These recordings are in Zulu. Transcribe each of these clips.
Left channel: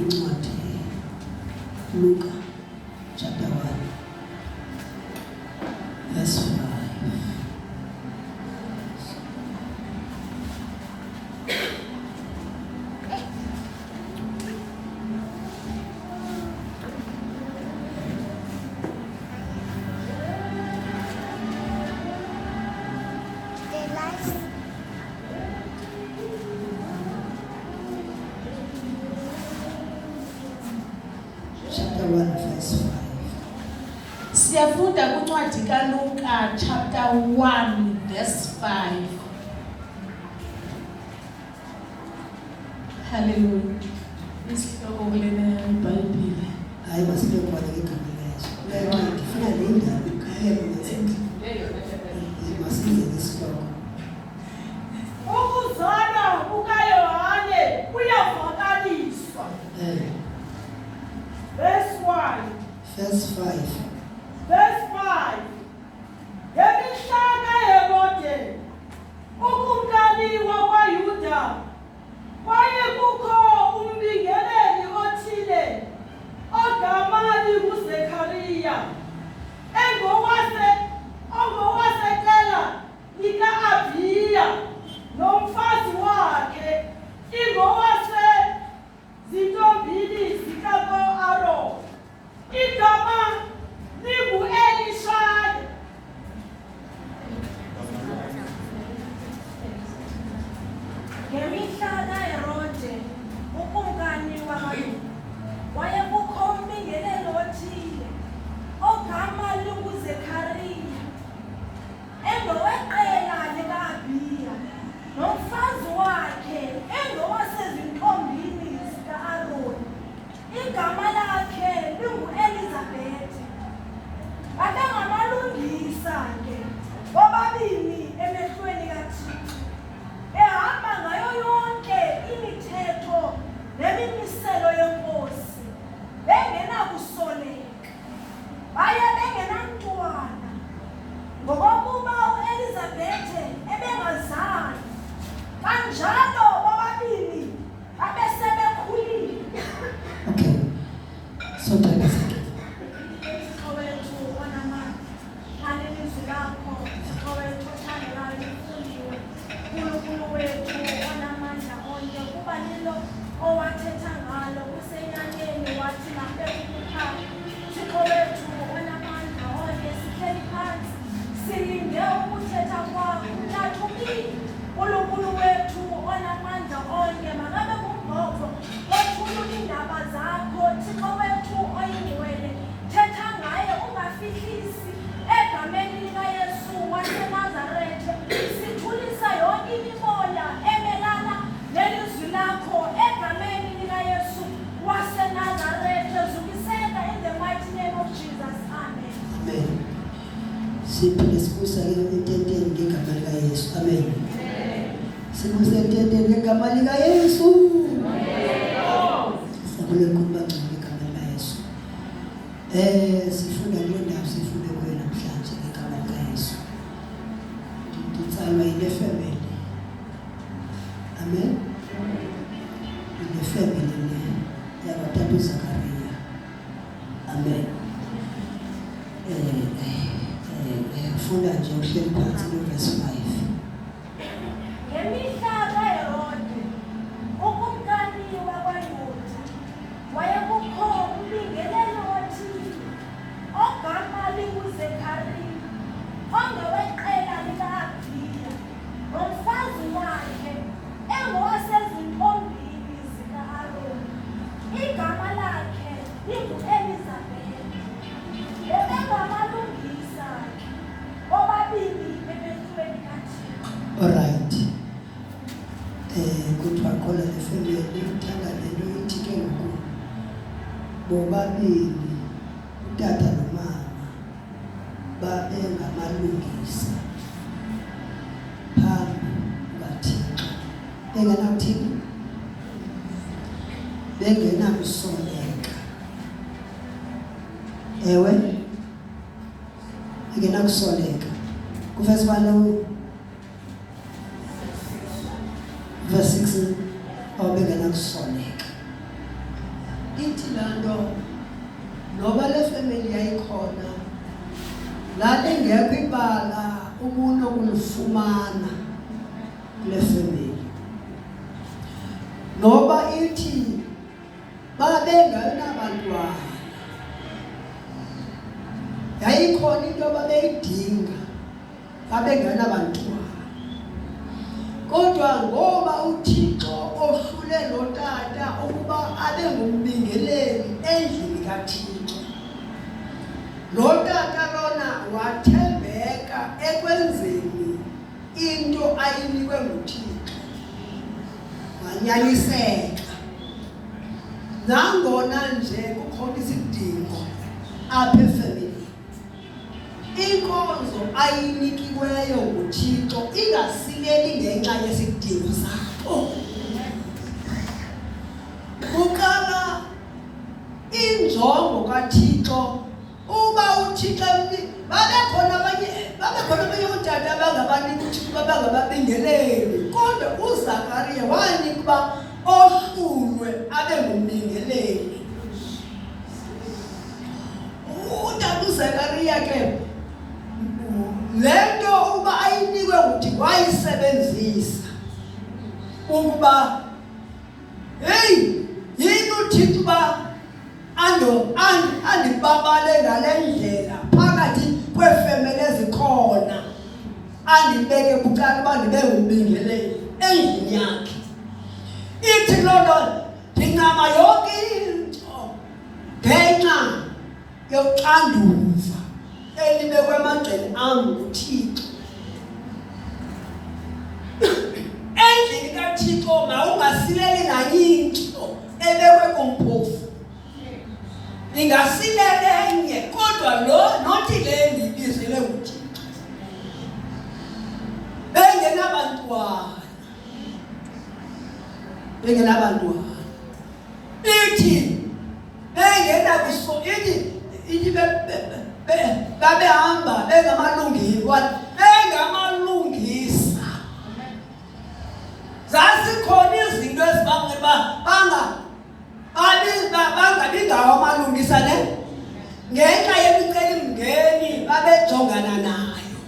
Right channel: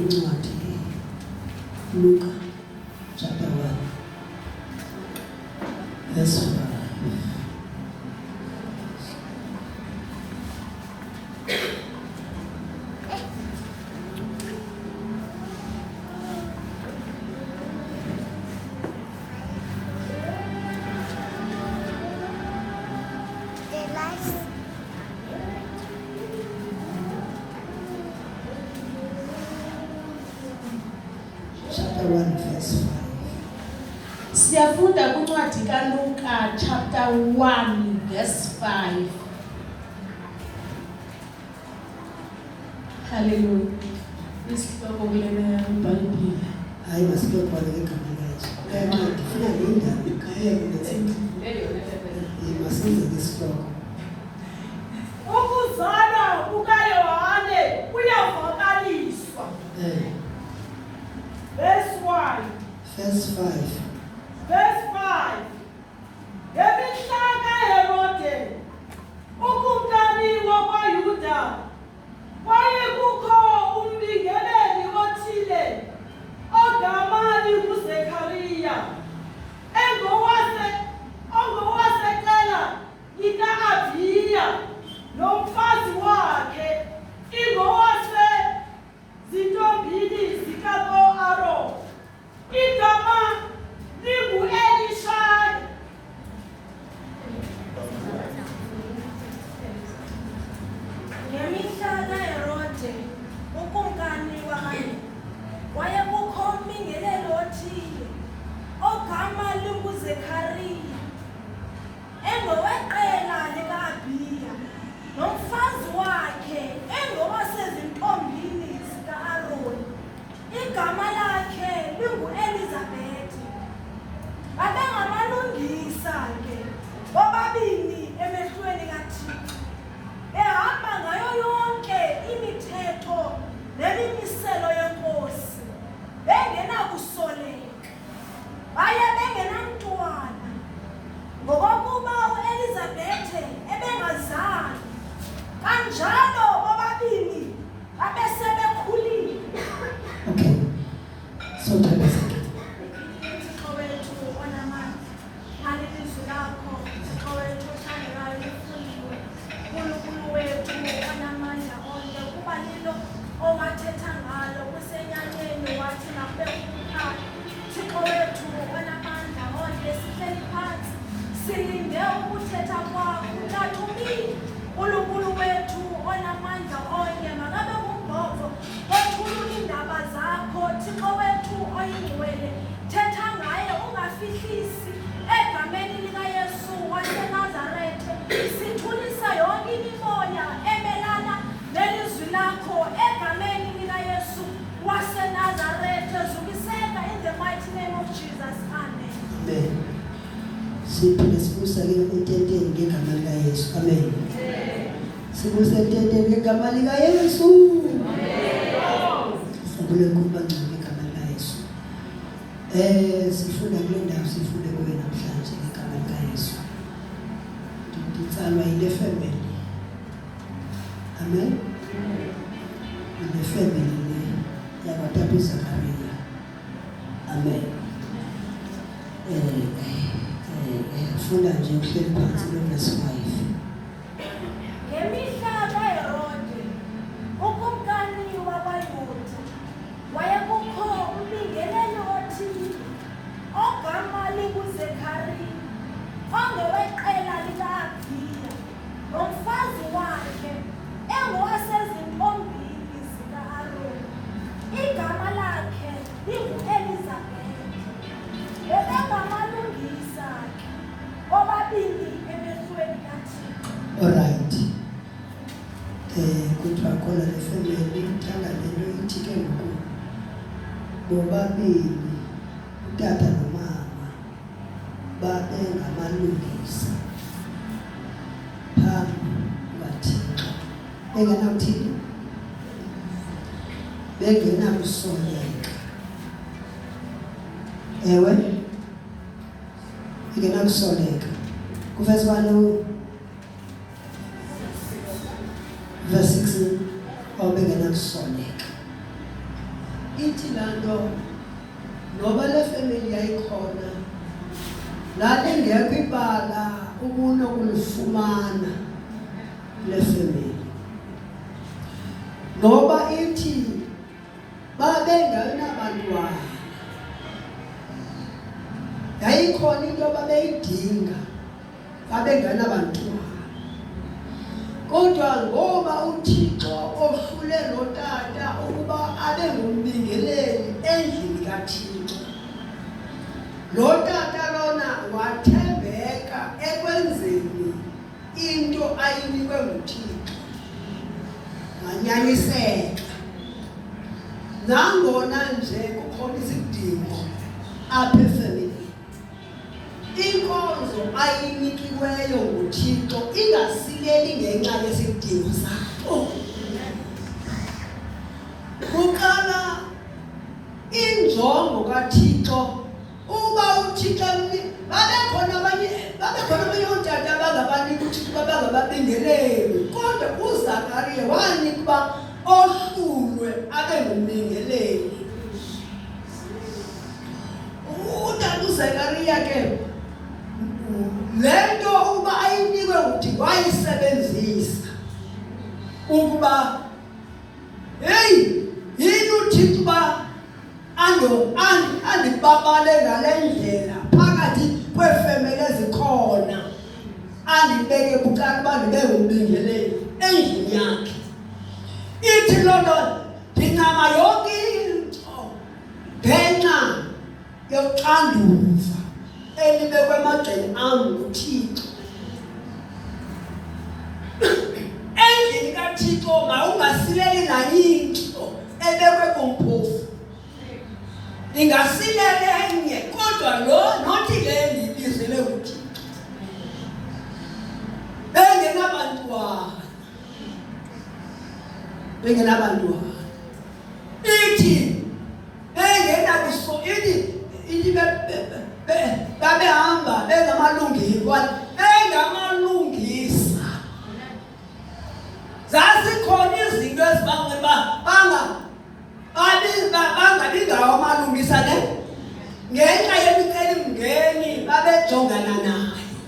incwadi Luka chapter 1 verse 5. Chapter 1 verse 5. Siyafunda kuncwadi kaLuka chapter 1 verse 5. Hallelujah. Isihloko kule Bhayibheli. Hayi masibekho igama likaYesu. Ngifuna indaba ikhaya masize isihloko. Ukuzalwa kukaYohane kuyavakaliswa. Verse 1. Verse 5. Verse 5. Yemihlaka Herode, ukumkani wakwaYuda, wayekukho umbingeleli othile ogama linguZekhariya, ongowaseqela lika-Abiya, nomfazi wakhe ingowasezintombini zikaAroni, igama lingu-Elishaya. Ngemihlaka Herode, ukumkani wakwaYuda, wayekukho umbingeleli othile ogama linguZekhariya, engoweqela lika-Abiya, nomfazi wakhe engowasezintombini zika-Aroni, igama lakhe lingu-Elizabethi. Babengamalungisa ke bobabini emehlweni kaThixo, ehamba ngayo yonke imithetho nemimiselo yenkosi, bengenakusoleka, baye bengenamntwana, ngokokuba u-Elizabethe ebengazali, kanjalo bobabini babesebekhulile. Okay. So tell us. Owathetha ngalo kusenyanyeni wathi nampekukhupha Thixo wethu onamandla onke sihleli phansi silinde ukuthetha kwakho unathumile uNkulunkulu wethu onamandla onke makabe ngumbozo othulula iindaba zakho Thixo wethu oyingcwele thetha ngaye ungafihlisi egameni likaYesu waseNazaretha sithulisa yonke imimoya emelana nelizwi lakho egameni likaYesu waseNazaretha zukiseka in the mighty name of Jesus. Amen. Amen. Siphinde sibusa ke ententeni ngegama likaYesu. Amen. Sibusa ententeni ngegama likaYesu. Sabule kubangca ngegama likaYesu. Sifunda kule ndawo sifunde kuyo namhlanje ngegama likaYesu. Ngitsalwa yile family. Amen. The family yakwaTata Zakaria. Amen. Funda nje uhleli phansi lo verse 5. Ngemihlaka Herode, ukumkani wakwaYuda, wayekukho umbingeleli othile ogama linguZekhariya, ongoweqela lika-Abiya, nomfazi wakhe engowasezintombini zika-Aroni, igama lakhe lingu-Elizabethi. Bebengamalungisa ke bobabini emehlweni kaThixo. Alright. Kuthiwa khona le family uthanda lento ithi ke ngoku bobabini utata nomama babengamalungisa phambi kukaThixo. Bengenakuthini? Bengenakusoleka. Ewe ingenakusoleka. Kuvesi balo verse 6 obengenakusoleka. ithi laa nto noba le family yayikhona lalingekho ibala ukunokulifumana kule family. Noba ithi babengenabantwana, yayikhona into babeyidinga, babengenabantwana. Kodwa ngoba uThixo ohlule lo tata ukuba abe ngumbingeleli endlini kaThixo, lo tata lona wathembeka ekwenzeni into ayinikwe nguThixo, wanyaniseka. Nangona nje kukhona isidingo apha efamilini, inkonzo ayinikiweyo nguThixo ingasileli ngenxa yesidingo sakho. Kuqala injongo kaThixo. Uba uThixo babekhona abanye otata abangabaniki uThixo babangababingeleli, kodwa uZakariya wanika uba ohlulwe abe ngumbingeleli. Utata uZakariya ke le nto uba ayinikwe nguThixo wayisebenzisa ukuba yini uThixo uba andibabale ngale ndlela phakathi kweefemeli ezikhona, andibeke bucala uba ndibe ngumbingeleli endlini yakhe. Ithi loo nto ndincama yonke into ngenxa yoxanduva elibekwe emagxeni am nguThixo. Endlini kaThixo mawungasileli nayinto ebekwe kumphofu. Ingasilela enye, kodwa lo nothi le ndiyibizele nguThixo. Bengenabantwana. Ithi babehamba bengamalungisa. Zazikhona izinto ezibangela bangabi ngawo amalungisa ne ngenxa yemicelimngeni babejongana nayo.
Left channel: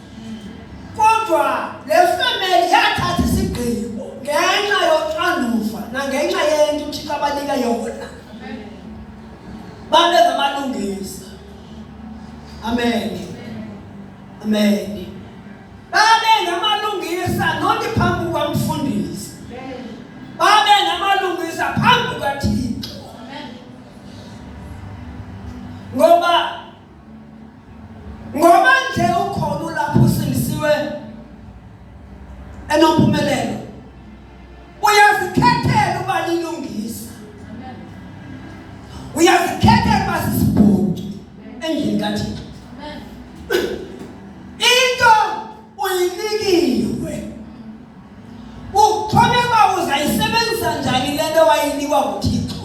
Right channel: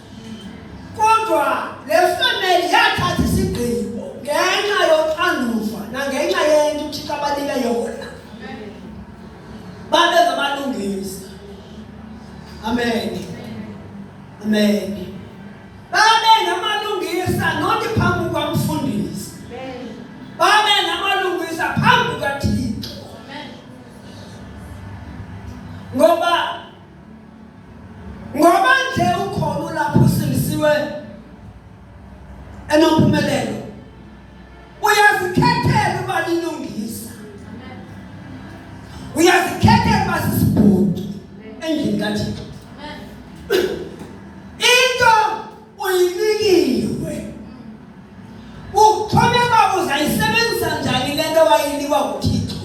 Kodwa le family yathatha isigqibo ngenxa yoxanduva nangenxa yento uThixo abanika yona. Babe ngamalungisa. Amen. Amen. Babe ngamalungisa not phambi kwamfundisi. Babe ngamalungisa phambi kukaThixo. Ngoba nje ukhona lapho usilisiwe enompumelelo, uyazikhethela uba lilungisa. Uyazikhethela uba sisibhuti endlini kaThixo. Into uyinikiwe, uxhomeka uzayisebenzisa njani le nto wayinikwa nguThixo.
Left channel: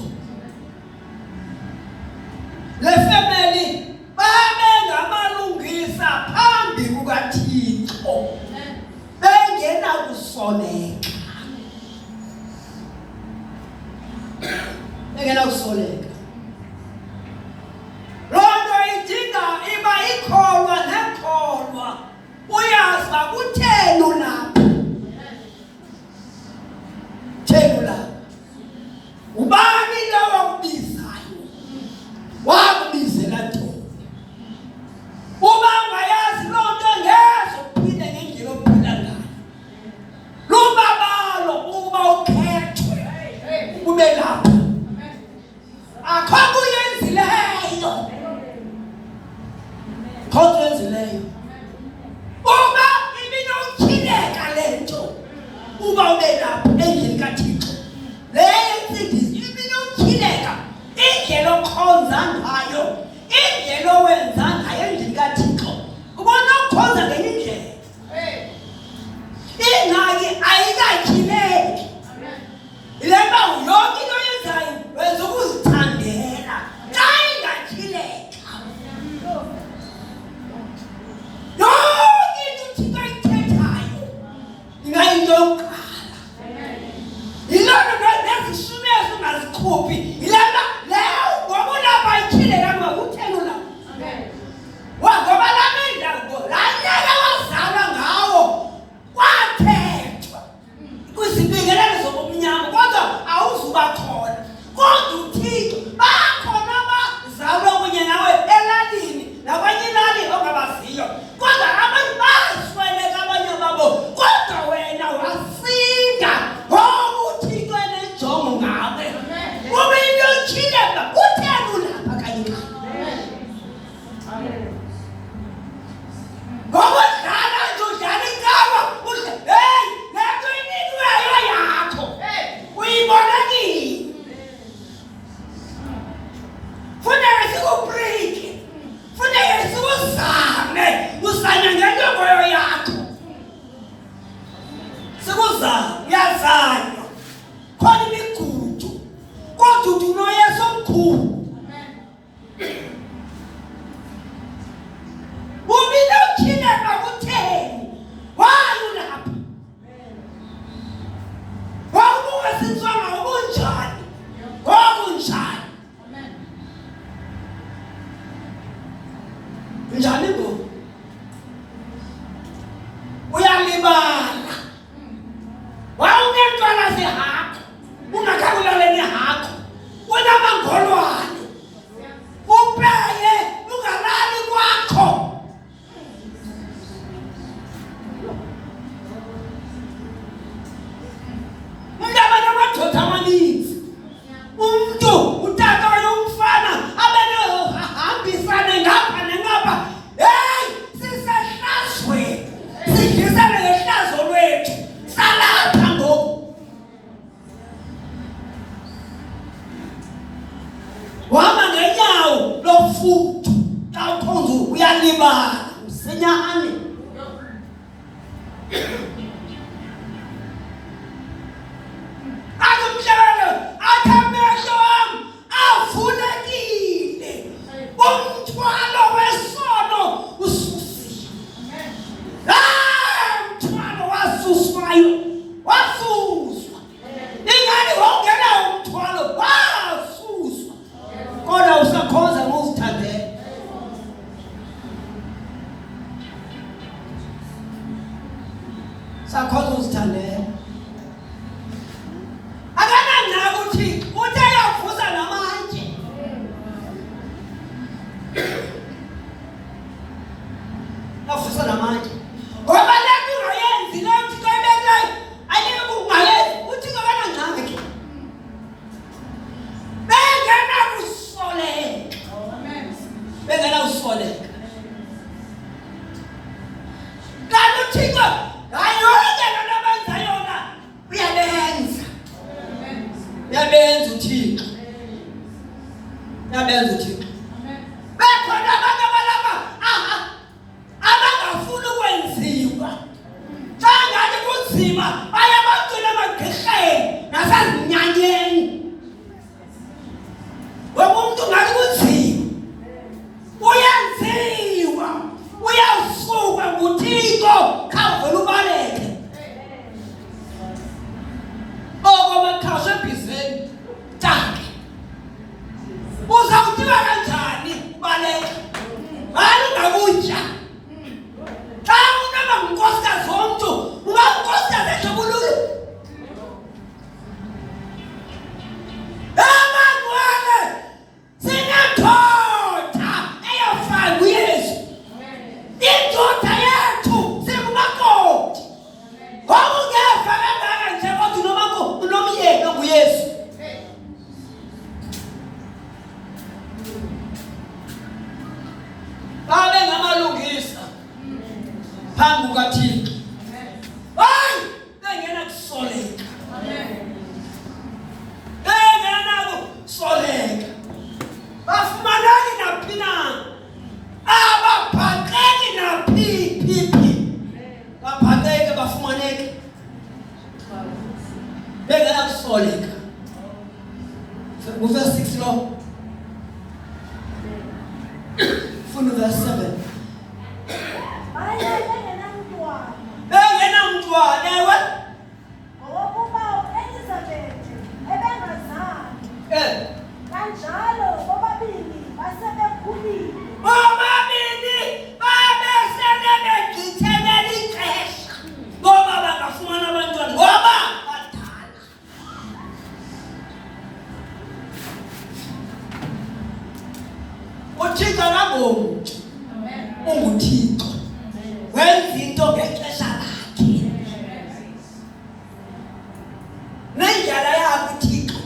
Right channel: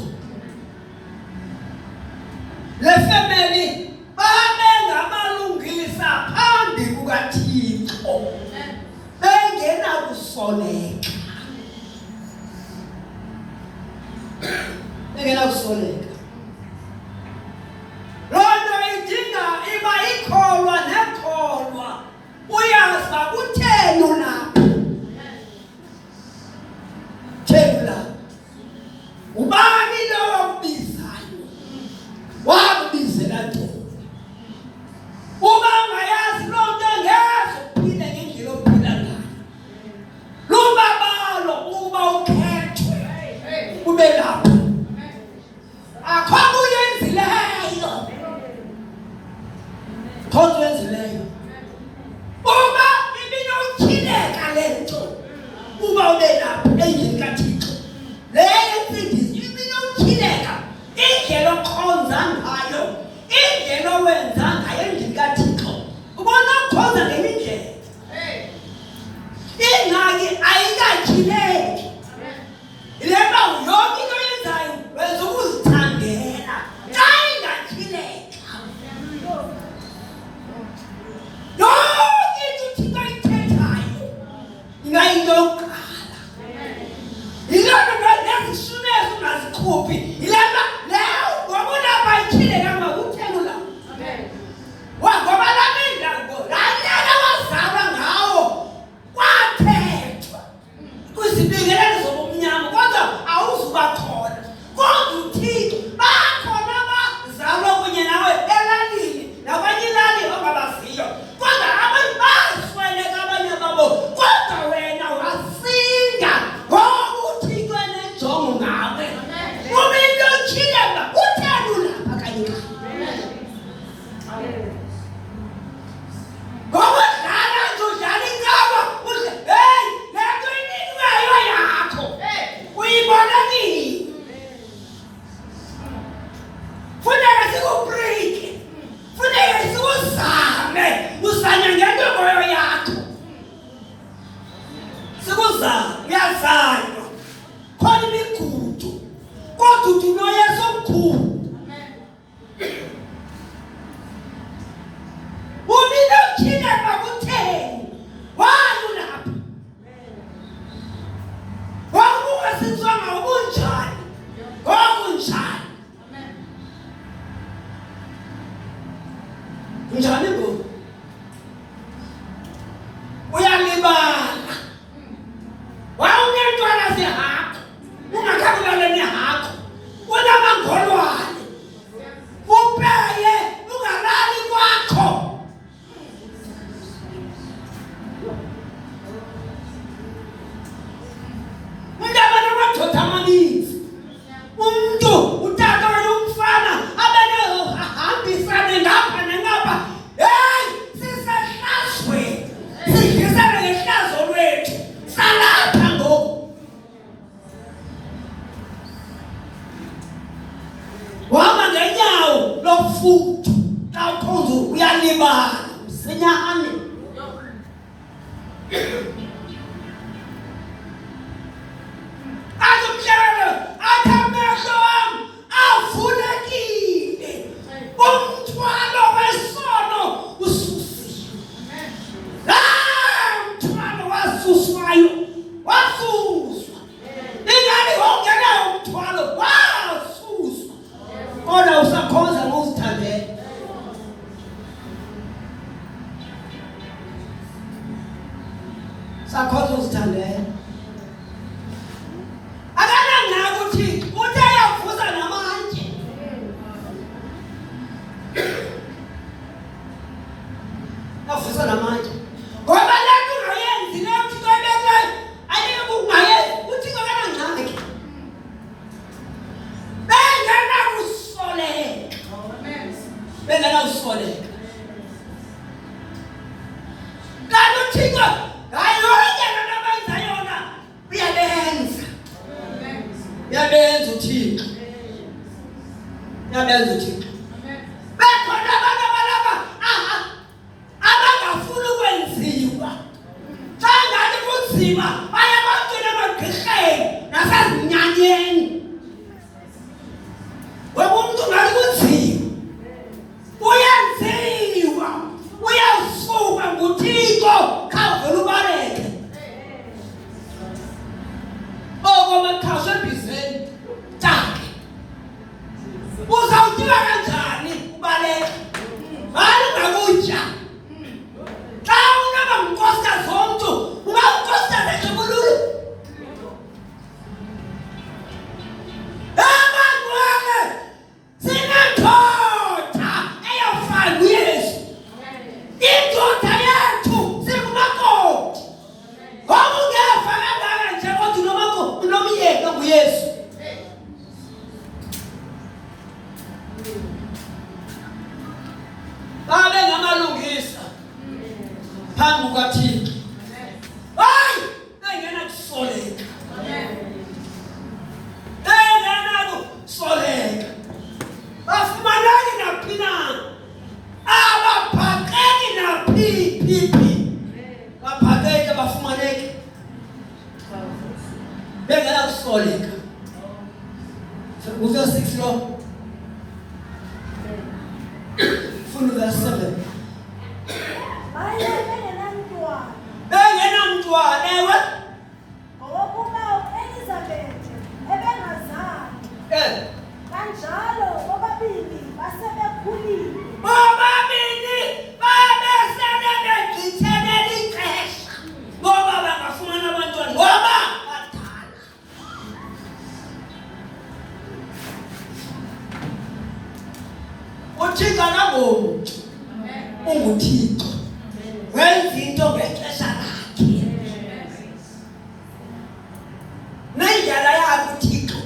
Le family babe ngamalungisa phambi kukaThixo, bengenakusoleka. Loo nto idinga iba ikholwa nekholwa. Uyazi uba kutheni ulapho. Theni ulapho. Ubani lo wakubizayo? Wakubizela ntoni? Uba ungayazi loo nto ngeze uphile ngendlela ophila ngayo. Lubabalo uba ukhethwe ube lapho. Akho kuyenzileyo. Uba ibinowutyhileka le nto uba ube lapho endlini kaThixo. Le yentsindisi ibinowutyhileka indlela okhonza ngayo, indlela owenza ngayo endlini kaThixo. Ubona ukhonza ngenye indlela. Ingxaki ayikatyhileki. Ile nto yonke into oyenzayo wenza ukuzithandela. Xa ingatyhileka, yonke into uThixo ayithethayo ingayinto yokuqala. Yiloo nto nezishumezi ungazikhuphi. Yile nto leyo nawe. Ube uyotyhile mna utheni ulapha kanye ngoba dlala nje udlala inkawa udle hey le nto inikwayo yakho uyibona nini funeka sikubreake funeka sikuzame uzanye ngentomoyo yakho sikuzame uyazanywa khona imigudu kodwa uthi unoyesu omkhulu ubile uthile bakutheni wayo lapha wakungasinzwanga ubunjani ngokunjani njani ngoku uyalibala wawunentwana zehakho ungakhakulale nehakho unamangolwane upeye ungalali kwakho umuntu abanamadodha amaninzi umuntu utata wena umfana abenahambisane ngapha nengapha hey sisehlazweni sidlisane ngehlazo lwethu salapha ngoku wahamba ngenyawo lofutho xa ukhonza uyalibala msinyane azumhlelo athi amehlo wami avulekile umthwalo wesono ususiwe umthwalo wasuswayo wasuswa ingani wawungenayo umthwalo wasuswa kodwa usakhonza ngozithandela sakhonza uzithandela akanangako uthi uthe yavuza namanje yavuza namanje ngoba le nto ungayenzi le uthixo ebekayo ayeke kungayenzi uthixo kanangxaki bengenakusoleka kanti uthixo hayi yonke lento abenza yona uyabenza uthixo uyabenza uthixo bekhona abantu abalapha abangafuni ukwenziwa xa ngathi kunzima baye bacula emagqirheni nasezinyanyeni wena umuntu ngathi kunzima uyenziwa uyasuka nguthixo khawuvele ubaleke okomakhasho ebhizeni take uzawutyiwa kanjani ubaleke mali ungakutya xa unaba ngunkosikazi womntu uba ngunkosikazi ejobululu abantwana sinendoda eyofana uyesu indoda yethu sikumakoti ngoba ungeva kangaka nje kodwa unomyeni onguyesu babe ngamalungisa phambi kukaThixo hayi engenakusoleka engenakusoleka bafumaneki naphi na ababhaqeki naphi babhaqeke bafumaneke bengenakusoleka uverse 6 lo funa uverse 7 bengenamntwana ewe ngowokuba uElizabeth ebengazali kanjalo bobabili basebekhulile bobabili babesele begqithelele ixesha ngoba bangafumana abantwana ngoba badala uthixo akangomntu unguthixo wenza into ngexesha lakhe nendlela yakhe uthixo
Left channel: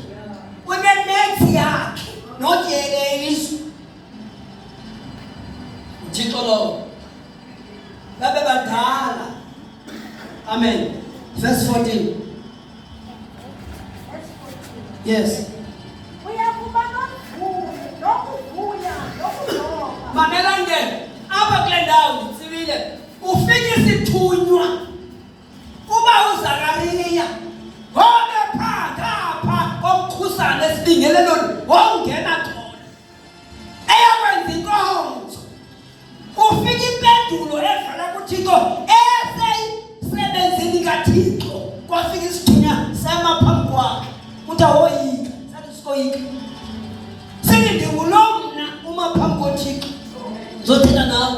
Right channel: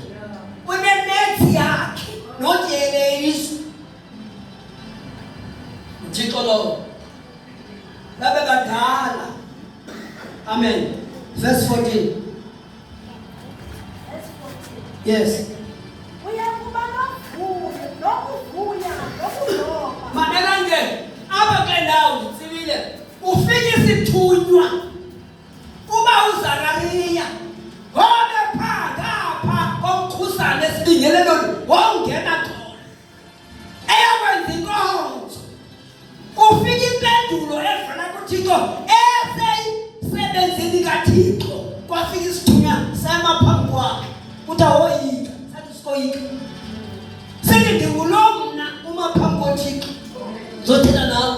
Amen. Verse 14. Yes. Uyakuba nokuvuya, nokuzonga. Mamela nje apha kule ndawo sibile ufike isithunywa uba uZakariya ngoba phakapha komkhusane esibingele lona wongena khona eyakwenza inkonzo ufike impendulo evela kuThixo eseyisebenzini kaThixo kwafika isithunywa sema phambi kwakhe uthi awoyika sathi sikoyika sithi ndingulo mna uma phambi koThixo zothetha nawe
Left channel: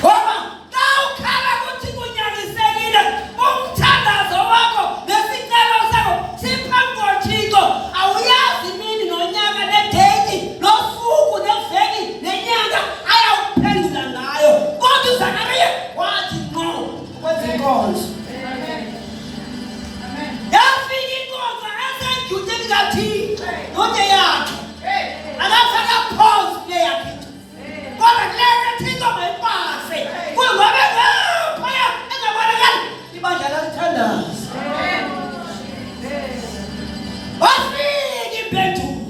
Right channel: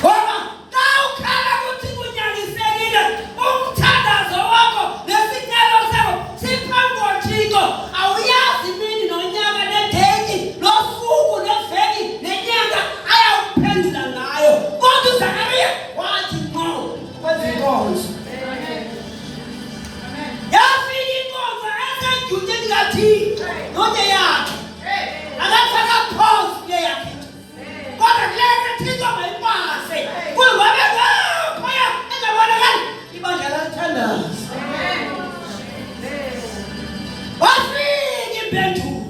ngoba xa ukhala kuthi kunyanisekile umthandazo wakho nesicelo sakho siphambi koThixo awuyazi imini nonyaka nedeyithi nosuku neveki nenyanga ayawuphendula ngayo kodwa uZakariya wathi ngqo kwenza inkonzo. Yafika inkonzo esejutini kaThixo yonke yakhe akafaka pause kule yakhe kodwa kule Thixo mayipase kungobe phaya engabonakali ibandla lalithandaza. Wafika impendulo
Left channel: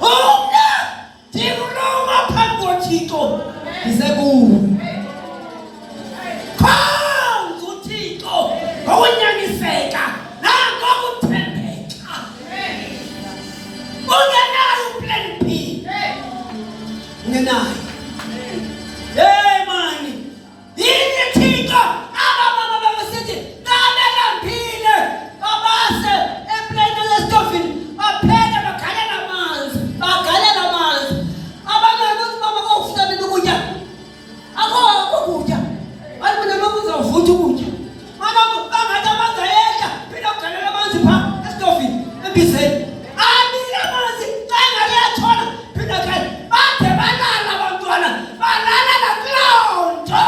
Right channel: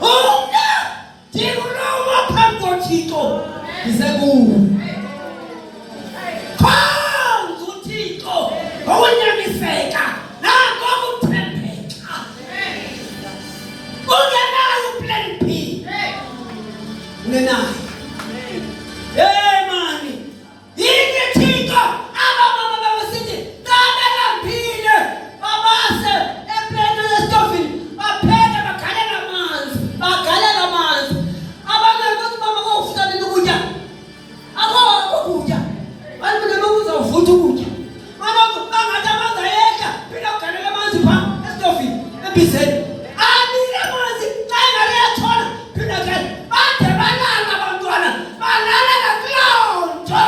umna ndikuluma phambi koThixo ndisekuwe khonza uThixo ngokunyaniseka nangokuthembeka ungenayo plan B ungenayo. Mani yini Thixo abamama babesithi babelambile babase empleni yesitofini bapheke bagalela amanzi abangakuthi mama kokufuthana ukutya akho ukutya balibona lokuzawuvutha ukutya mama bangathi abazayeka phela ugalela amanzi phaa esitofini embizeni abile amanzi xa engaliyathola phela kani bade balala abantwana balala nakuloo nto.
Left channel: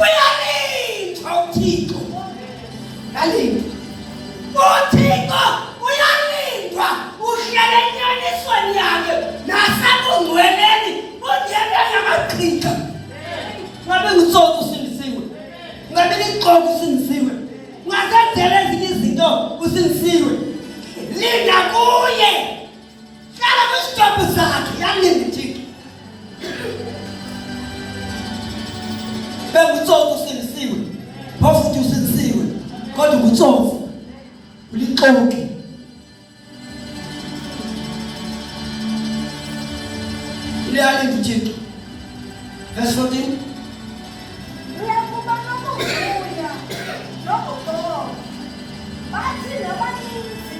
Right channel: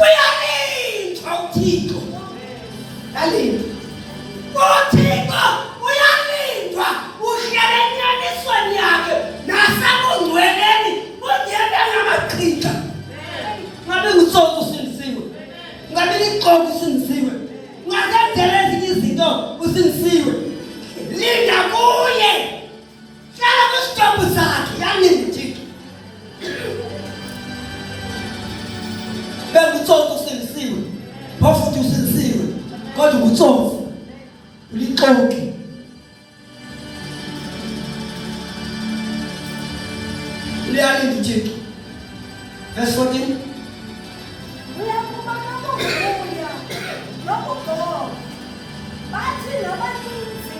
Uyalindwa uThixo yalindwa uThixo uyalindwa uhlala enyanisweni yakhe nasebungcweleni ungene ngamachitha ngabe ngitsotsi usindisiwe ngabe ngixoka usindisiwe ngazenzela ezinye izinto usindisiwe linda kuye hlala kwisitopu sakhe yalinda uThixo bengitsotsi usindisiwe phofu futhi usindisiwe kodwa ngutsofu ulixoke. Uyalinda uThixo. Verse 14. Uyakuba nokuvuya, nokuzonga. Bathi nabaninzi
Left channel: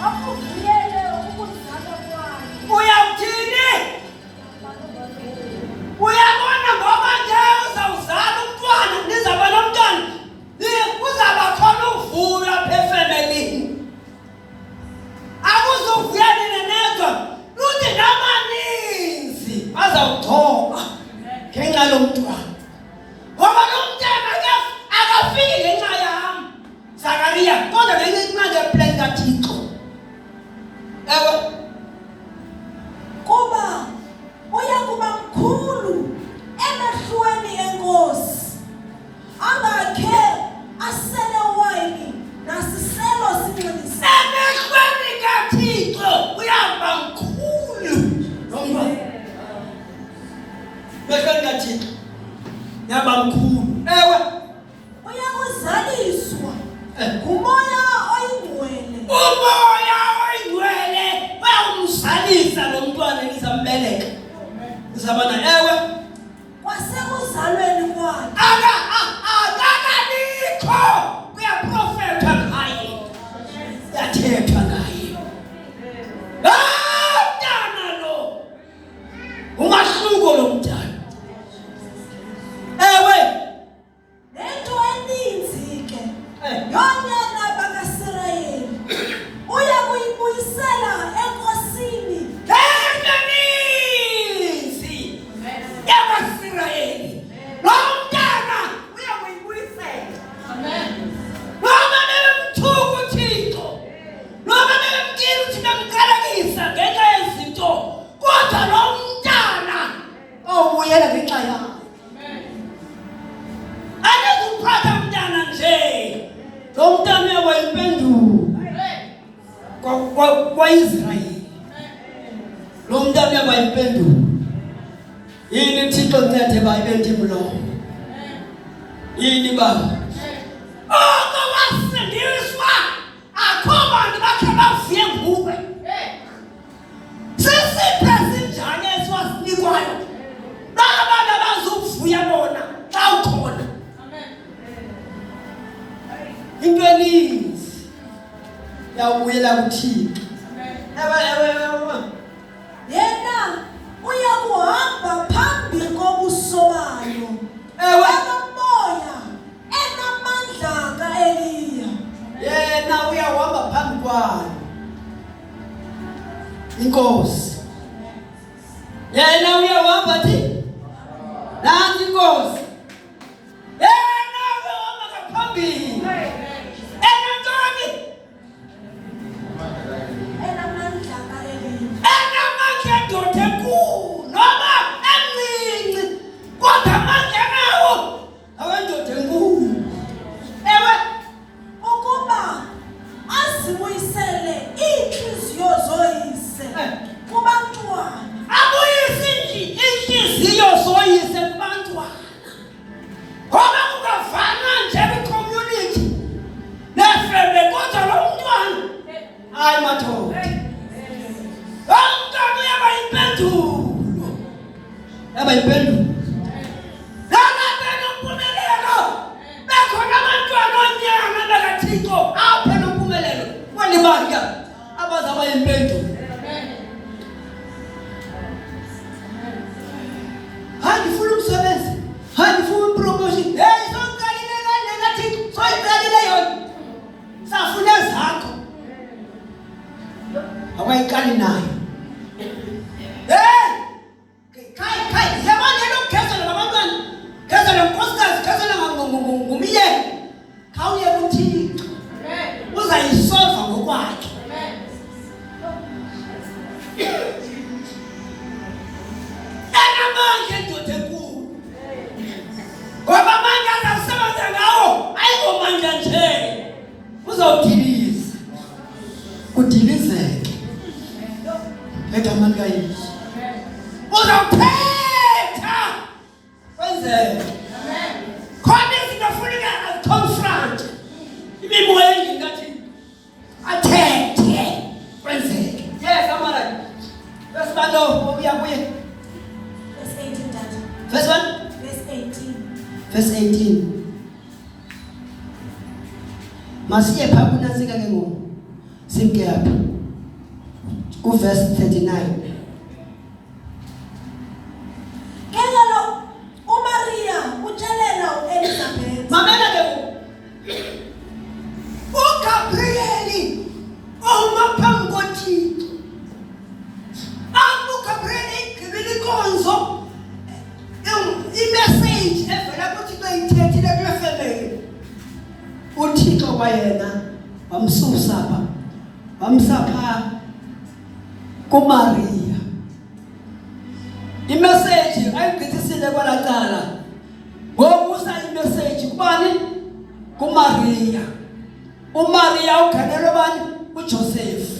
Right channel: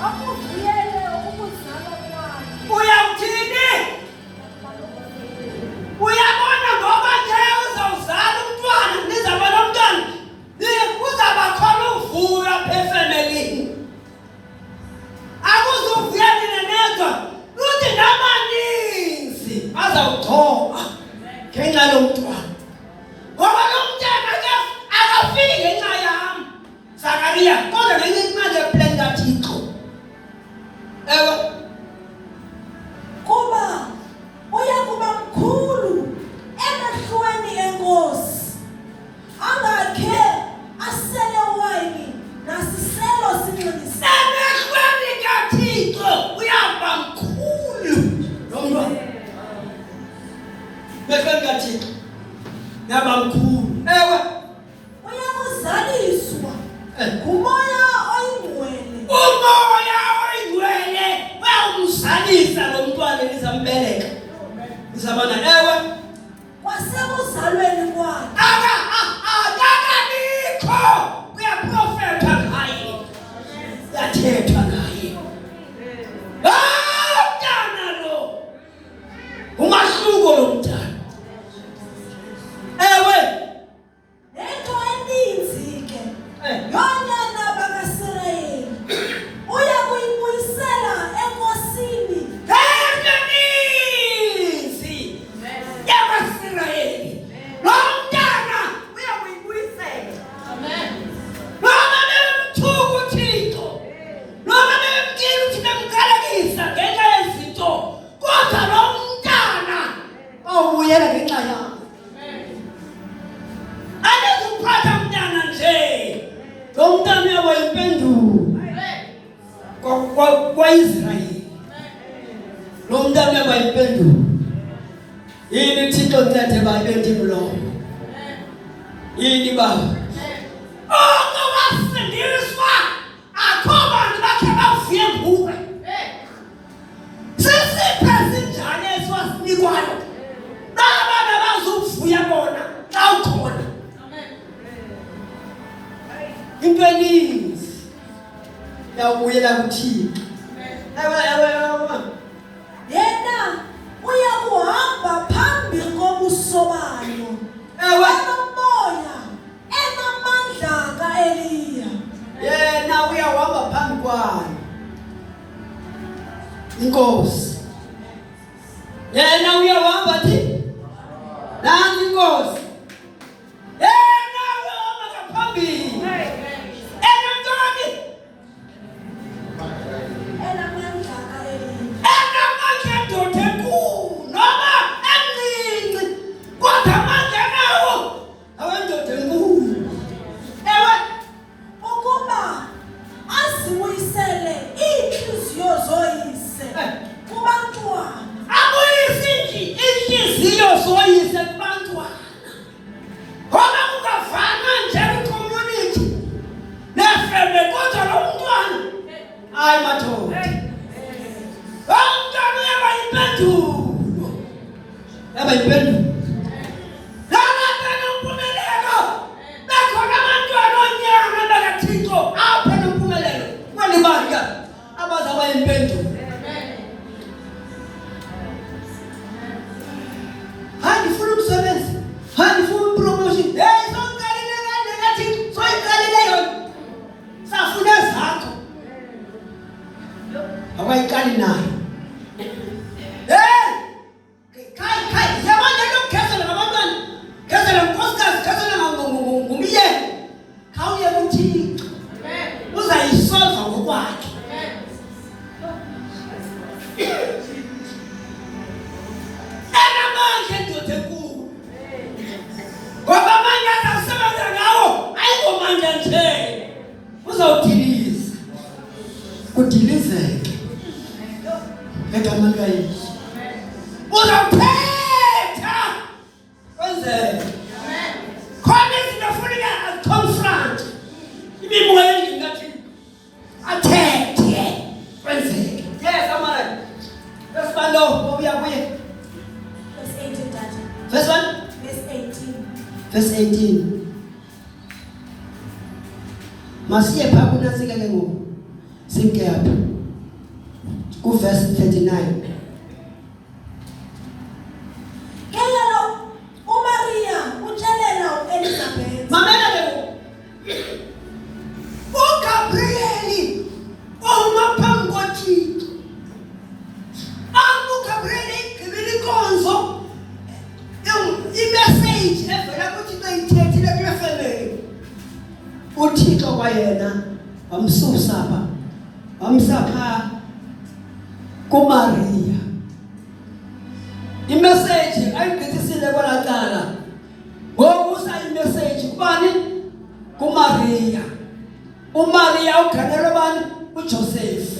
bakuvuyele ukuzalwa kwakhe. Uyawuthini? Uyabona ngoba nje uzawuzala umntwana nizaba nomntwana uzaba khona uvuyo apha efemelini akuzuvuya nina nedwa luthi namaninzi azawugcoba ngenxa lo mntwana ngoba lo mntwana akafiki ngenxa yam Zakariya kodwa ngenxa plan kaThixo. Ewe Kuba uyakuba mkhulu emehlweni enkosi angakhe asele wayini nasiselo sinxilisa emehlweni kaThixo uyaba mkhulu lo mntwana emehlweni kaThixo yaba mkhulu. Ewe uyakuzaliswa ngumoya oyingcwele umoya oyingcwele uyawumzalisa lo mntwana elizambeleka izabana. Ewe kwasekuzalweni kwakhe akakabikho uyaprofetha ngaye uyathethwa ngaye mntana lo umahluko lo mntana. Ewe nento eninzi ke yonyana bakaSirayeli uya kuyibuyisela enkosini emaninzi lo mntana wayimpendulo kwa-Israyeli. Lo mntana wayimpendulo. Yini Thixo ncede babethi mlomo. Yini baba? Wasindiswa akho bantu bakhe bavuye nguwe. Sisiphe sinjani esiwasinikwayo nabana bazovuya bona xa ukhona. Into eninzi yawubuyela kuThixo. Yena uyakuhamba phambi kobuso bayo. Enomoya enamandla ka-Eliya. Yena uyahamba phambi kwayo. Inkosi. Yena uyahamba thi. Nansi inkosi. Yena uyahamba ngaphambili. Enantoni? Enamandla ka-Eliya. Enamandla ndoda enkulu noma emncinci kodwa amandla nawo awendoda enkulu. Ewe Ukuba azibuyisele iinhliziyo zoyise kubantwana. abuyise inhliziyo zoyise kubantwana. Ngoba kungavana nje kwi-community nefembe kodwa lo mntwana hayi madoda. Lo mntwana uyaba yimpendulo. Yaba yimpendulo. Lalapha nompumelelo. Bekhona abantwana onyana bakaThixo apha nompumelelo. Kweli bandla abazaba yimpendulo. Hayi ngifuna umsebenzi. Hayi ngifuna promotion. Hey sonkalile kanje ngathi soyikalile yona. Safuna zakho. Abayiqali nayo. Hey! Kai, yabona lokugezela nabantwana. Gezela unkosikazi, gezela ngumyeni. Khawuye kuThixo. Uzayisolva ngokwakhe. Enamandla ndoda enkulu. Ngoba amandla azasebenza ngawo ayingomandla nje. Uzawudiliza. Kudilizeke. Egameni kaYesu. Uzawuphetha. Kwenzeke. Khona izinto funeka aziconfront. Imimoya engingathi athethe. Kwenzeke. Yes, amara. Besibalo uya kuye. Verse 18, Dad. Verse 1. Verse 18. Verse 18. Masiye pha kunasika ke ngoku. Simke apha. Ku verse 39. Kelelo uMaria utshelela uElizabeth. Mamela ke ngoku. uGabriel oma phambi koThixo. uGabriel igqibile inkonzo. I-message evela kuThixo ithethile kule family. uThixo kwayena wamsusa apha. Wamsapha kuMaria. I-message ayigqithisile kwalacala. Ngokusa i-message kubani? kuMaria. uMaria uganelwe bani? uJoseph.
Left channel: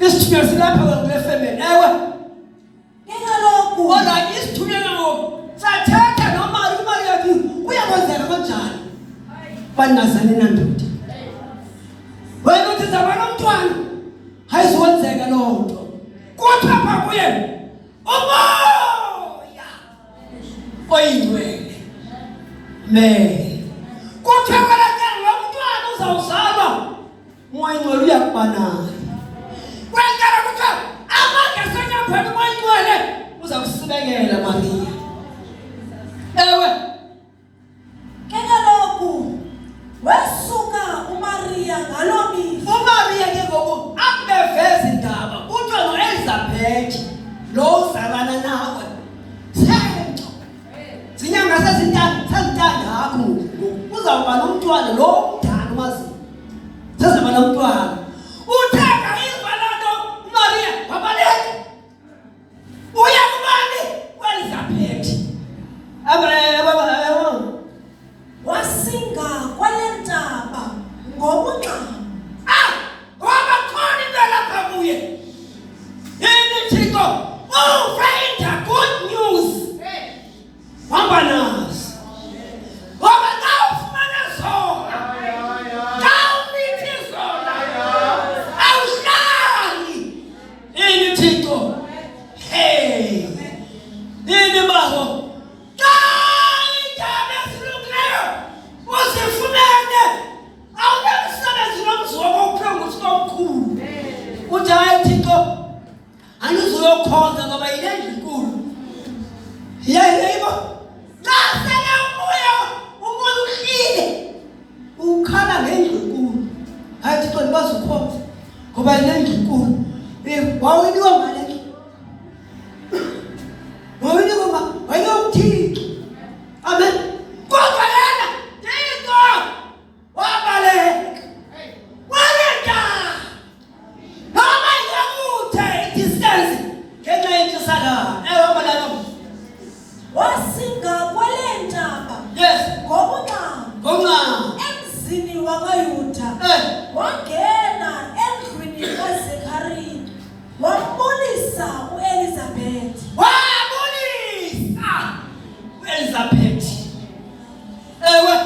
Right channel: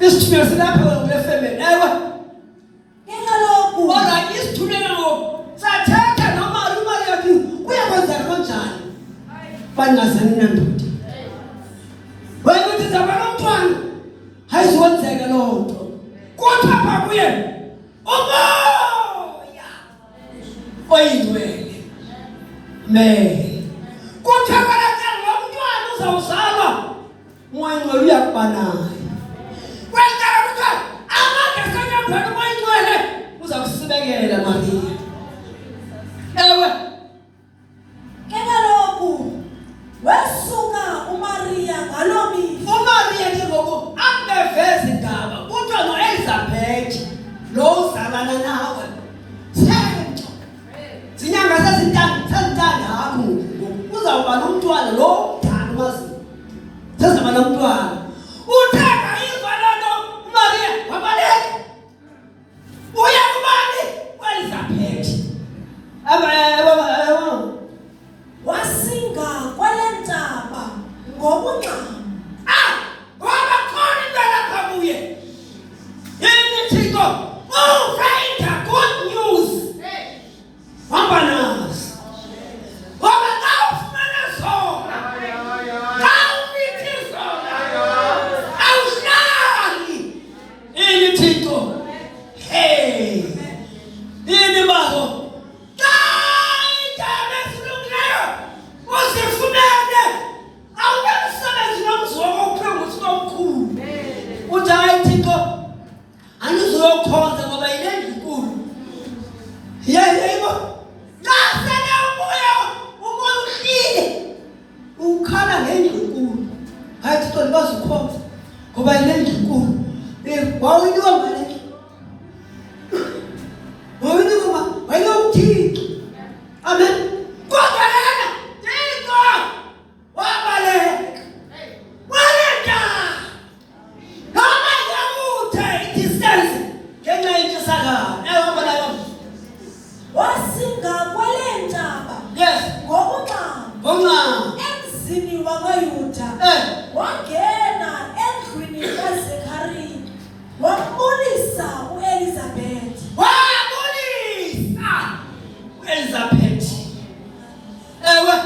Isithunywa silapha kule family. Ewe Kaloku kodwa isithunywa ngoku sathetha noMaria. uMaria yathi uyakwenzeka kanjani? Banazane nandoda. Wena uthi zabona umntwana hayiziwenzeka loo nto. Kodwa pha kuye umoya oyingcwele. Kuthiwa kalacala lo mntwana uzawuzalwa umoya oyingcwele uyakuba naye. Kwenzeka kuthiwa amandla asenyambeni umoya oyingcwele uzakusibekela Maria. Ewe kaloku wesuka uMaria ngaloo mihla. uMaria ke ngoku akubeveza indaba kuthiwa noElizabeth lo uzalana nawe senco zinyanga sezintandatu ngoku uzawuba nomntwana lo mdala umazi sezaba nomntwana. Uthemba iva loo nto uMaria wabaleka uya kubani? kuElizabeth. sayilendlu enkulu. Wawiniwa ngale. Wawiniwa ma, wayewuthixo. Amen. Kodwa yena Thixo wabaleka. Walenda. Noma yakuthe distance ngenxa yentshisakalo. Wabaleka. Wasinga kwale ntaba. Yes. Ngokungxama. Emzini wakwaYuda. Wangena endlwini kaZekhariya. Wambulisa uElizabeth. Wabulisa uElizabeth. Ewe.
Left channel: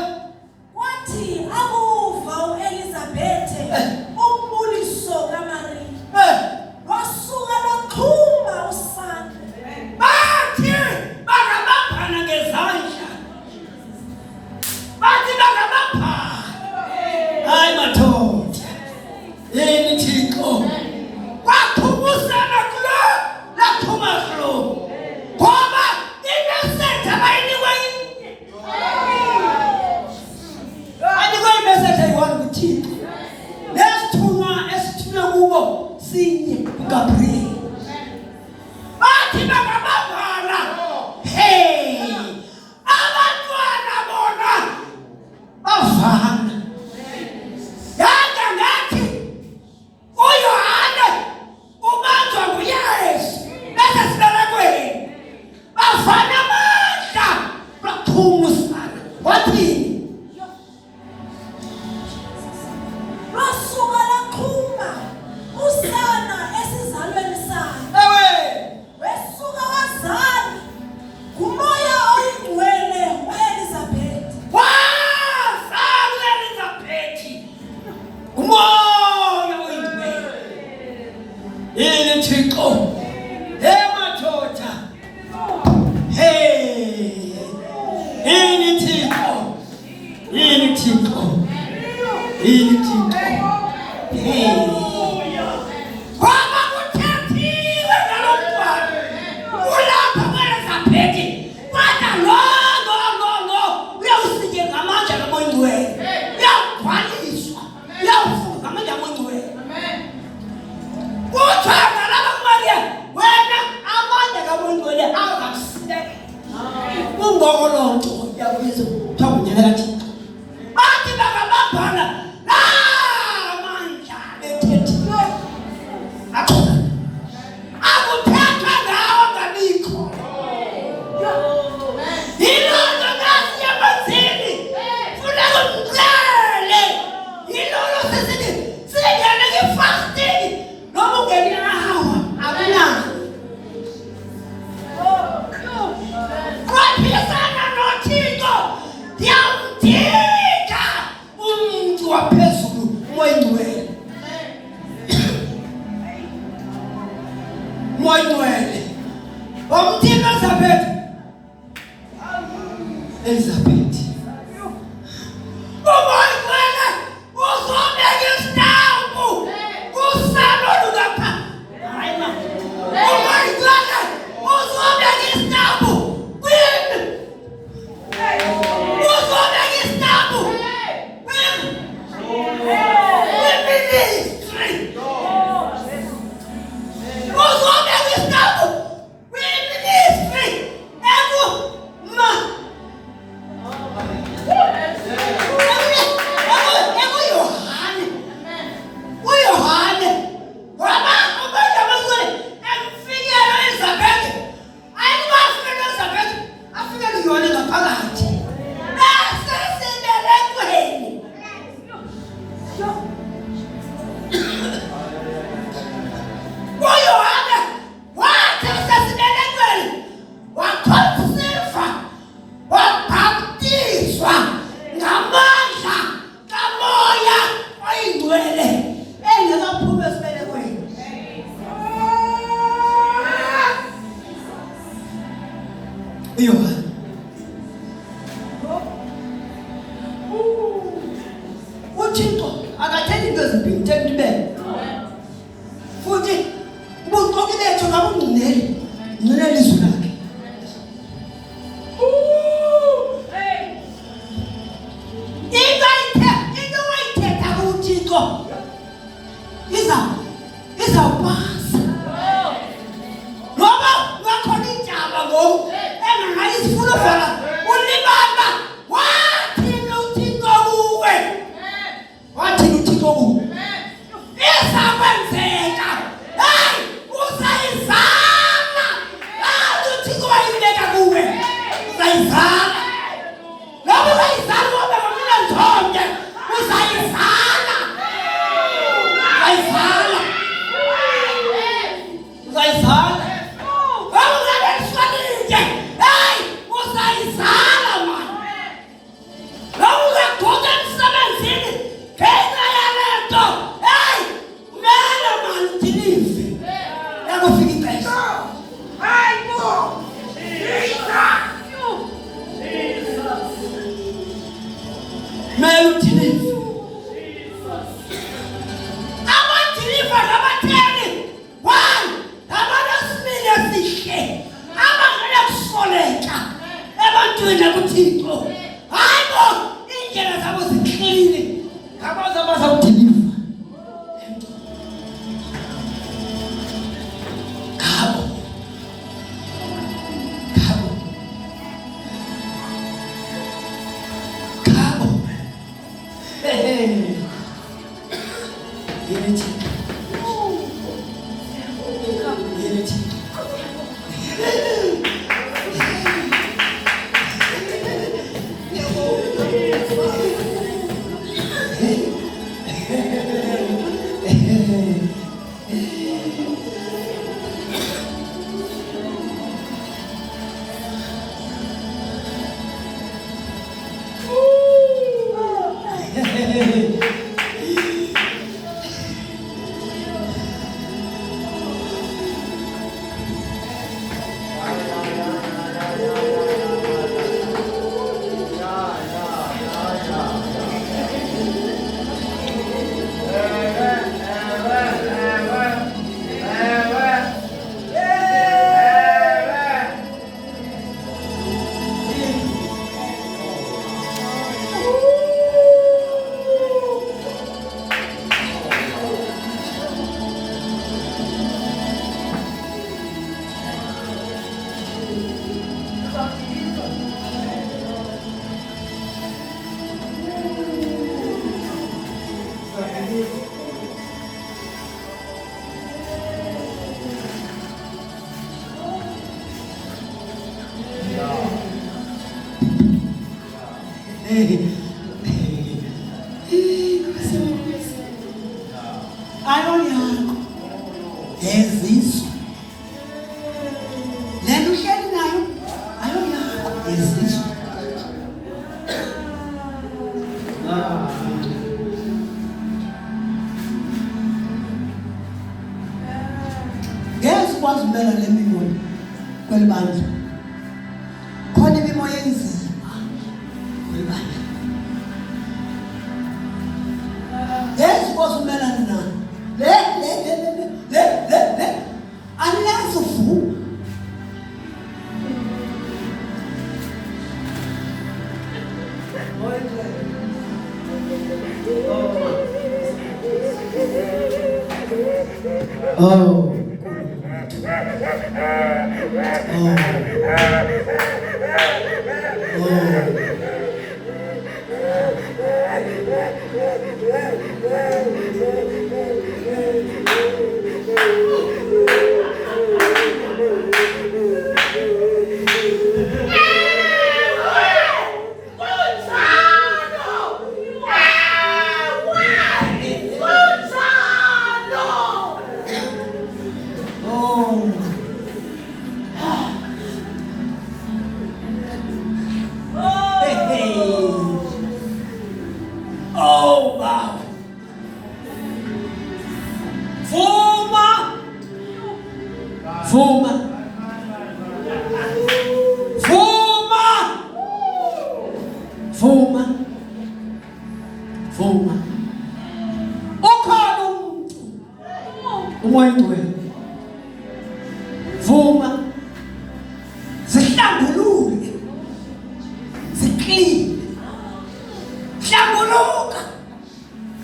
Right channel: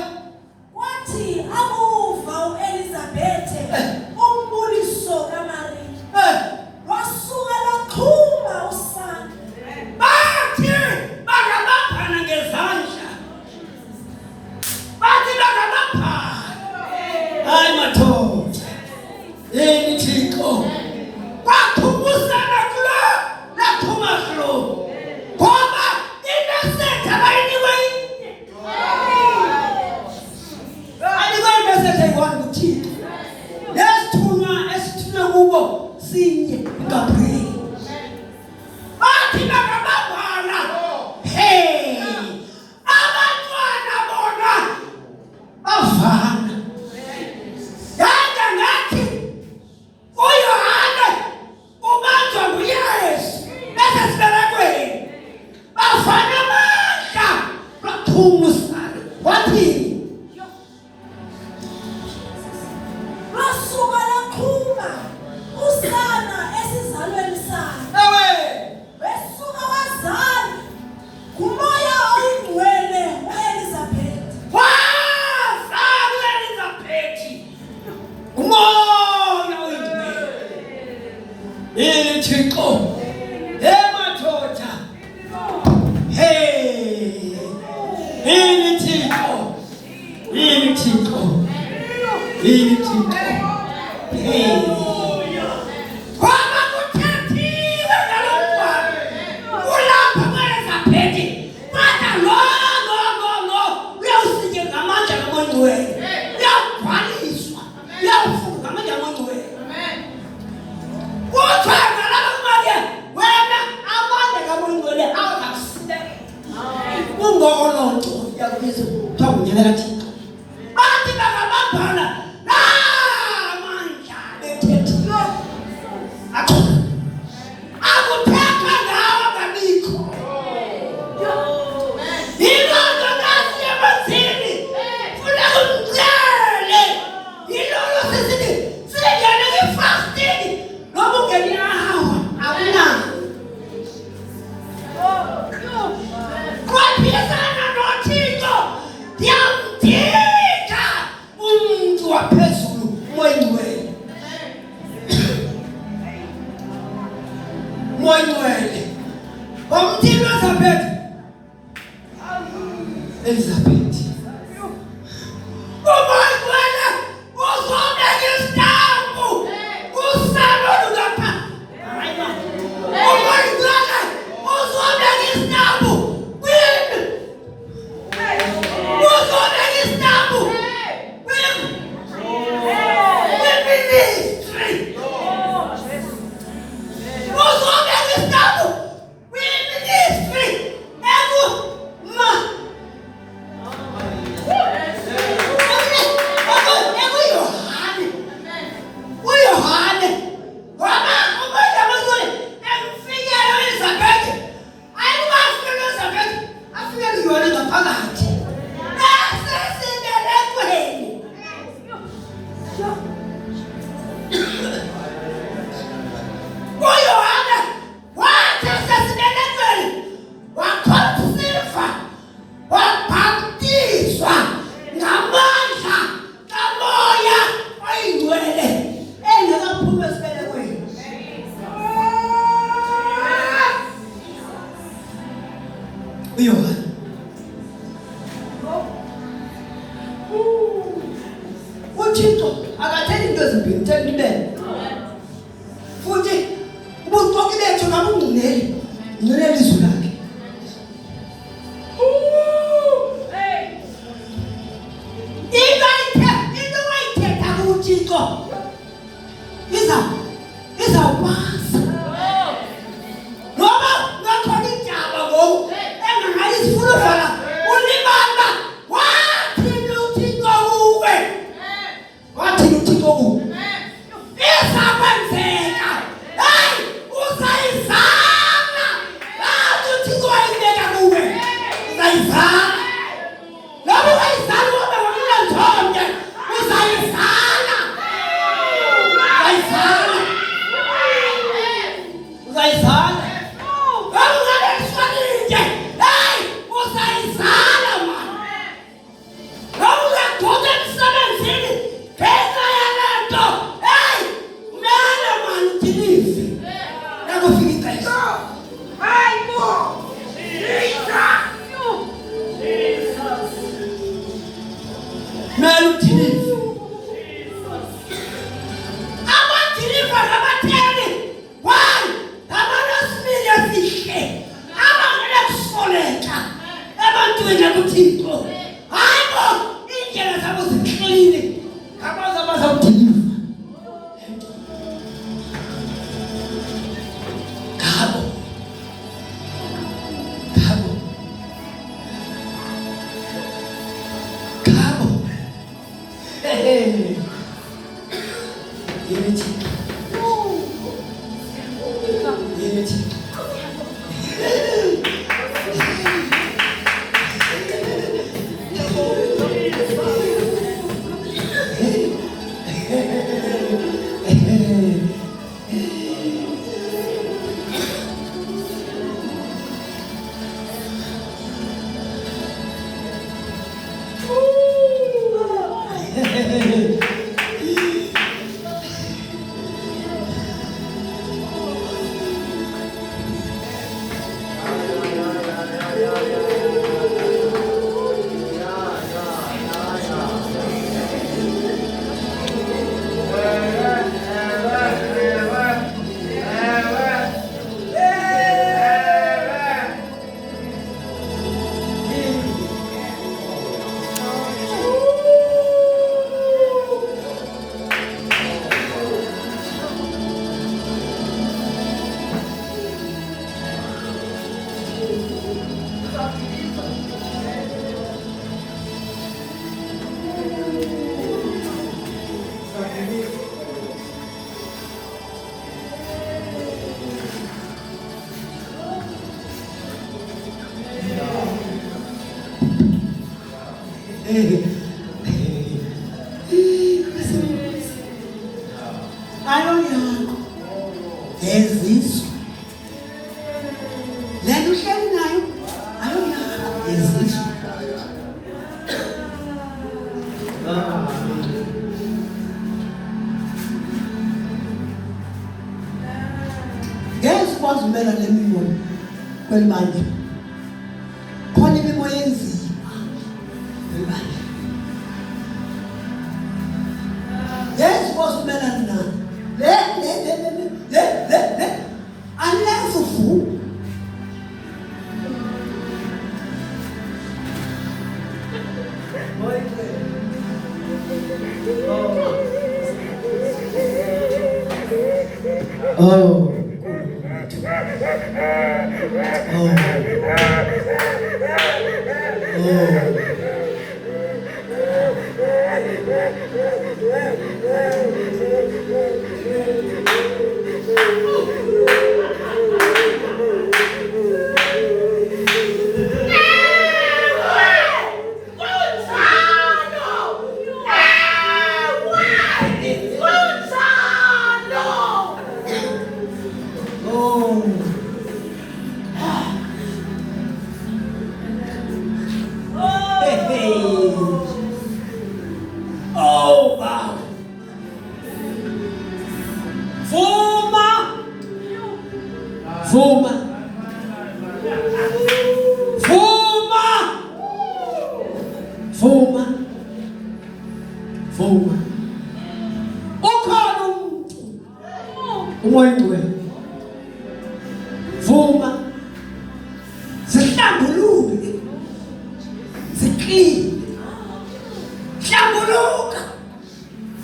Wathi akuva uElizabeth umbuliso kaMaria. Wasuka laqhuma usana. Bathi bangabambana ngezandla. Bathi bangabambana. Hayi madoda. Yini Thixo. Kwaphumuzana kulo. Laphuma kulo. Ngoba imesethe abayinikwe inye. Ayinikwe imesethe eyi-1 kuThixo. Nesithunywa esithunywe kubo sinye kuGabriel. Bathi bangabambana. Hey. Abantwana bona bavana. Yanga ngathi uYohane ubanjwa nguYesu bese sibelekweni. Bavana amandla baphumusana. Wathini? Wasuka laqhuma usana esizalweni sakhe. Ewe. Wesuka wazala ngumoya oyingcwele uElizabeth. Wazalwa uElizabeth. Umoya oyingcwele. Yini Thixo. Hey madoda. Hey. Yini Thixo. Yini Thixo. Yini Thixo. Hey. Kwaba kuthethiwe ngalo mntwana. Ulapha uElizabeth. Manje lo uyawusinye ngamandla kaMoya Oyingcwele. Uyawugcwaliswa. Uyawufunga ngamandla kaMoya Oyingcwele. Uthanda lapha kuMaria. Wena amandla kaMoya Oyingcwele awuzakusineka. Kungolonto yakubiza kuthiwa ngunyaka kaThixo. Bathi bangabambana. Amandla bethethiwe. Akukho. Akuthetha ngawe ngabikho. Yilonto nasi yamazini. Funeka umcele. Yilonto sesithi singene nge-fasting. Noma ungene i-hour, akunani. Kwaphisana noThixo. Ndiyamdinga umuntu waphezulu uMoya Oyingcwele. Umoya Oyingcwele. Wamthini uElizabeth? Elizabeth. Umoya Oyingcwele uzobeka isitambu kusana olungapha. Hayi ma. Umoya Oyingcwele uzobeka isitambu kwini. Uzobeka isitambu kwini. Kwiministry. Uzobeka isitambu kwiministry. uYohane ngoba uMoya Oyingcwele emfikela uElizabeth. Ayikwazi uElizabeth afike kuyona ngaphakathi. Nasesibelekweni. uYohane wathi esesibelekweni wakhonsiva wabhaptizwa ngamandla kaMoya Oyingcwele engakaphumi esibelekweni. uYohane uThixo akathethi into ezimbili, uthanda ibele. Futhi ubuqoki bethu ngabungcuneli ngcunela izwi lakhe. Into wayithetha kuThixo iza uzawupasa. Ngoba ngakhona indaba ngoku engangayisifuna vala ulibamba wathini uThixo kuwe. Wathini uThixo kuwe. Isakwenzeka. Hey, uzayizama. uThixo wayibeka kuwe. Uzayizama. Ngoba uzayizama ngoba ngomina nthonje. Uzayizama. Uzayizama. Uzayizala. Awungale kufanele. Hey, uzayizala man. Awungaguda emsebenzini. Phela yalento. Hey, mele man uthinize. Yakufika ixesha. Hayibo. Jesus. Mele uthinize. Abathinize nabatheni. Why? Abalasiminya sihle. Abangena kusoleka. Ebantwini kuThixo. Hayibo, indlela zabo zihlelile. Ngabaza bazawudiliva. Ngabo. Ngabo. Ngabo. Unity. Unity. Ayonyako. Ezizwe. Lento uhleli nayo. Ayonyako. Ezizwe. Ngeke ukwazi umela le mimoya kwelibandla. Khona imimoya enzima kwelibandla. Ngeke ukwazi umela nayo. Le unless uvuka. Oh. Oh, wow. Vuma. Ukhona umuntu. Umoya ngcwele. Vuma. Sihlambuluke. Siqine. Hlambuluka.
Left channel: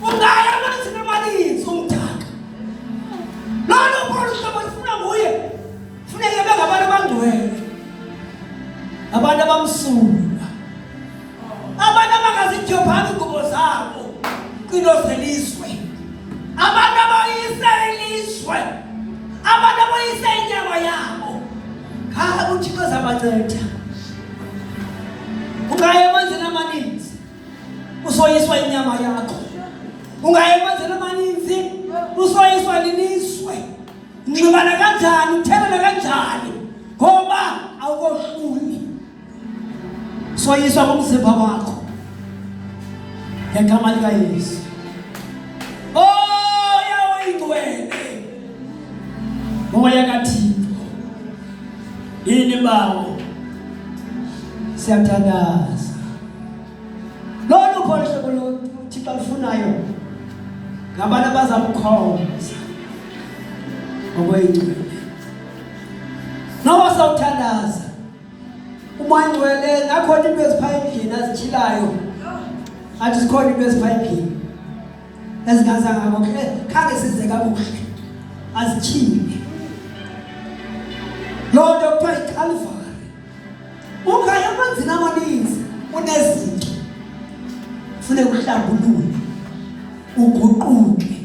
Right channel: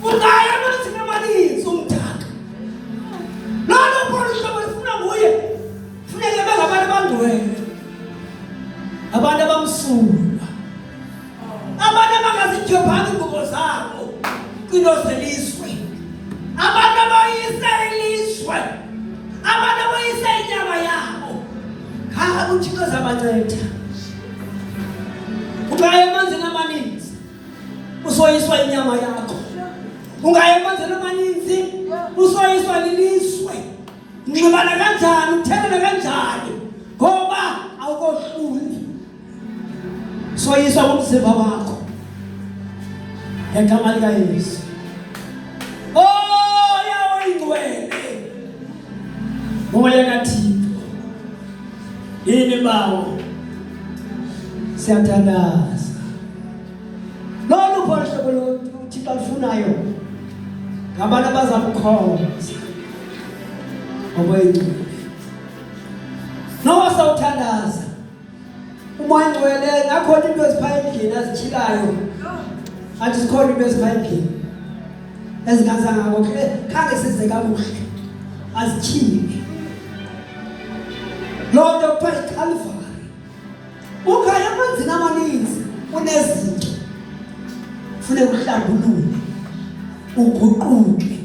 Ungaya amanzi amaninzi umdaka. Lo Jopani ingubo zabo kwinozelizwe. Abantu abayisa ilizwe. Abantu abayisa inyama yabo. Khaya uThixo zabanceda. Ungaya emanzini amaninzi usoyiswa inyama yakho. Ungaya emanzini amaninzi usoyiswa lilizwe. Unxibana kanjani, uthebele kanjani ngoba awukohluli. Soyiswa ngomzimba wakho ngegama likaYesu. Oh yawo ingcwele moya kaThixo yini bawo siyathandaza. Lolu phosho lo Thixo alifunayo ngabantu abazamkhonza ngokwengcwele. Noba sawuthandaza umoya ngcwele nakhona into eziphayo endlini azitshilayo athi sikhona into eziphayo endlini ezingazanga ngokho khange size kakuhle azitshiwe. Lord Dr. Calvary ungaya emanzini amaninzi unezinto kufuneka uhlambulule uguquke.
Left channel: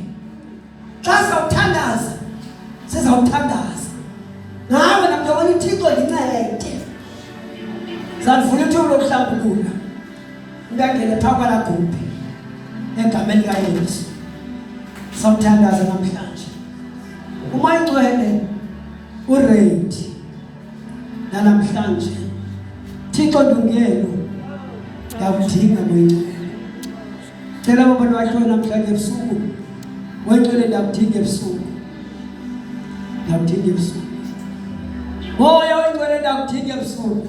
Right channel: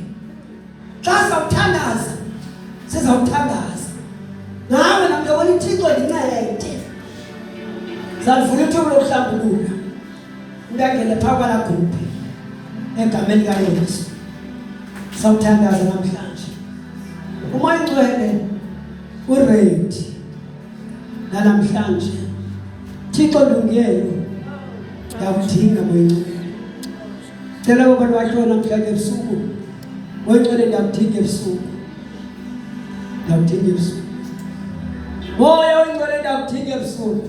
Xa sawuthandaza sizawuthandaza nawe namntwana uThixo ndincede. Zalivula ithuba lokuhlambulula ungangene phaa kwalagubhe egameni likaYesu. Sawuthandaza namhlanje umoya ngcwele uready namhlanje. Thixo ndungiyelo ngakudinga moya ngcwele. Cela abantu bakho namhlanje ebusuku moya ngcwele ndakudinga ebusuku. Ndakudinga ebusuku. Moya ngcwele ndakudinga ebusuku.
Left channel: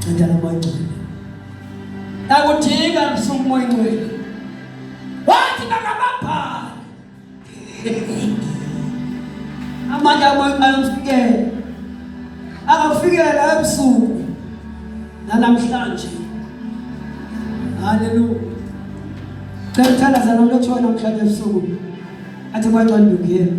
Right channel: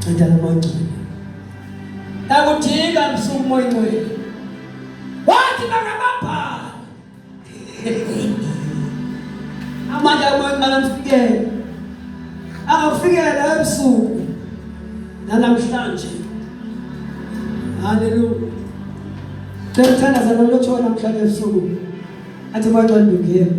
Ncedana moya ngcwele. Ndakudinga ebusuku moya ngcwele. Wathi bangababhala amandla moya ngcwele amfikele. Angafikela ebusuku namhlanje. Hallelujah. Ngiyathandaza nomlotshwa namhlanje ebusuku. Athi moya ngcwele ndungiyelo.